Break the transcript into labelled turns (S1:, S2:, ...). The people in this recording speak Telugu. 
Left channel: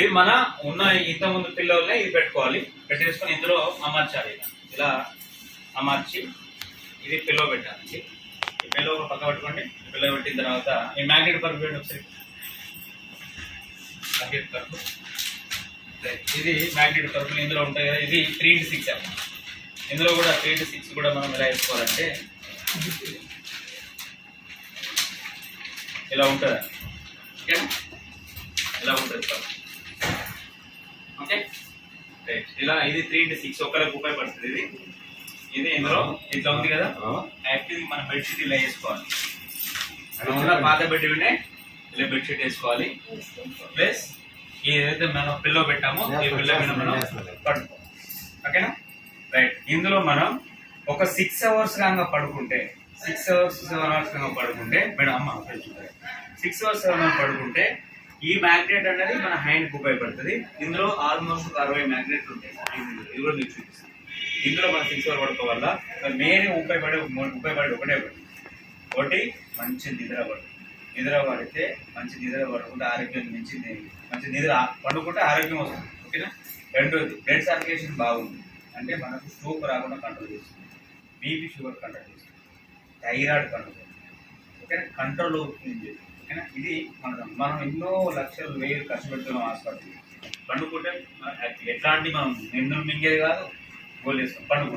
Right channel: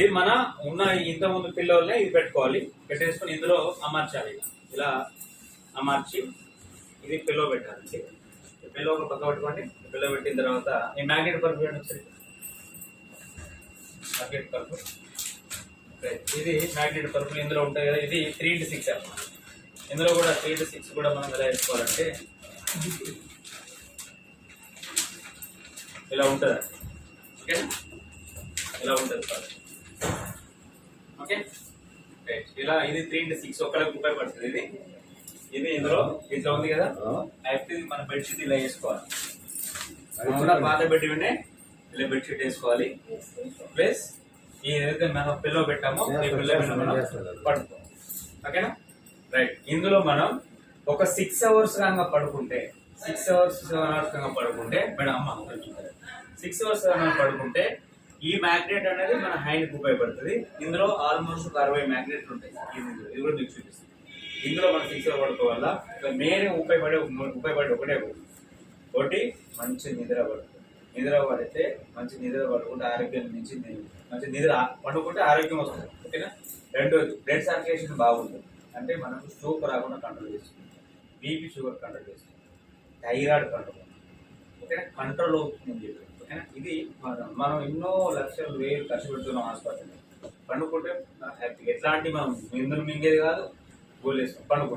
S1: ఇది మన ఉన్న ఇంతకుముందు ముందు ఇది పెట్టుకోవాలి. పెట్టేసుకొని ఇందులో అమర్చాలి ఇలా. ఇలా అమర్చి ఇది పిల్లో పెట్టాలి. ఈ పిల్లో ఒక పక్క పెట్టుకోండి. పిల్లో పెట్టిన తర్వాత ఈ మ్యాగ్నెట్ పరుపు పెట్టండి ఒకసారి. మ్యాగ్నెట్ పరుపు. ఇది మ్యాగ్నెట్ పరుపులు ఇందులో ఉంటాయి కదా. ఇది త్రీ ఇంటూ సిక్స్ అన్నమాట ఇందులో కూడా త్రీ ఇంటూ సిక్స్ కూడా మనం ఎలా వేసుకోవాలంటే ఇలా ఉంటుంది? ఓకేనా? ఇలా ఉంటుంది ఓకే రైట్. ఇలా ఇది త్రీ ఇంటూ సిక్స్ ఒకరికి ఉపయోగపడుతుంది ఇది. ఇది ఇందులో ఇట్లా ఉంది కదా? యాక్చువల్లీ మన బెడ్షీట్ ఇలా వేసుకోవాలి. ఉన్న పాత బెడ్ వినే ఇలా బెడ్షీట్ వేసుకోవాలి. ప్లస్ ఏదైతే మనం పిల్లో పెట్టామో ఈ పిల్లో మీద మనం పడుకోవాలి. ఓకేనా రైట్ ఇందులో మనం ఒక సిక్స్ అవర్స్ కనుక పడుకుంటే సిక్స్ అవర్స్ సెవెన్ అవర్స్ కనుక పడుకుంటే మేడం అమ్మ సిక్స్ అవర్స్ సెవెన్ అవర్స్ పడుకుంటే ఈ మ్యాగ్నెట్ అనేది మన హ్యాండ్కి ఉపయోగపడుతుంది. ఇందులో ఆల్మోస్ట్ ఒక అరవై మ్యాగ్నెట్ ఉంటాయి. ఇందులో. ఇది కూడా మీకు చూపిస్తాను. ఇందులో మనం సిక్స్ అవర్ వల్ల మెయిన్ ఉపయోగపడే ఉపయోగపడే ఒకటే ఒకటి. ఒకటి మంచి నిద్ర పడుతుంది నిద్ర పడితే మంచి నిద్ర పడుకుంటే ఆరోగ్యం మంచి మంచి నిద్ర పండుకుంటే ఆరోగ్యం వస్తుంది. ఓకేనా? రెండోది బ్లడ్ సర్క్యులేషన్ బాగుంటుంది. అంటే మనకు స్ట్రోక్ రాకుండా కంట్రోల్ చేస్తుంది. బీపీ షుగర్ కంట్రోల్ చేస్తుంది. థైరాయిడ్ కంట్రోల్ ఓకేనా? కంట్రోల్ అవుతుంది అని చెప్పి. ఇది మనం మనం ఎన్నో లక్షలు వేలు ఖర్చు పెడుతున్నాం హాస్పిటల్. పండుకుంటే ఎట్లాంటి మనం నిందులు మింగేది కాదు గోల్ వేస్తాం పండుకుంటాం.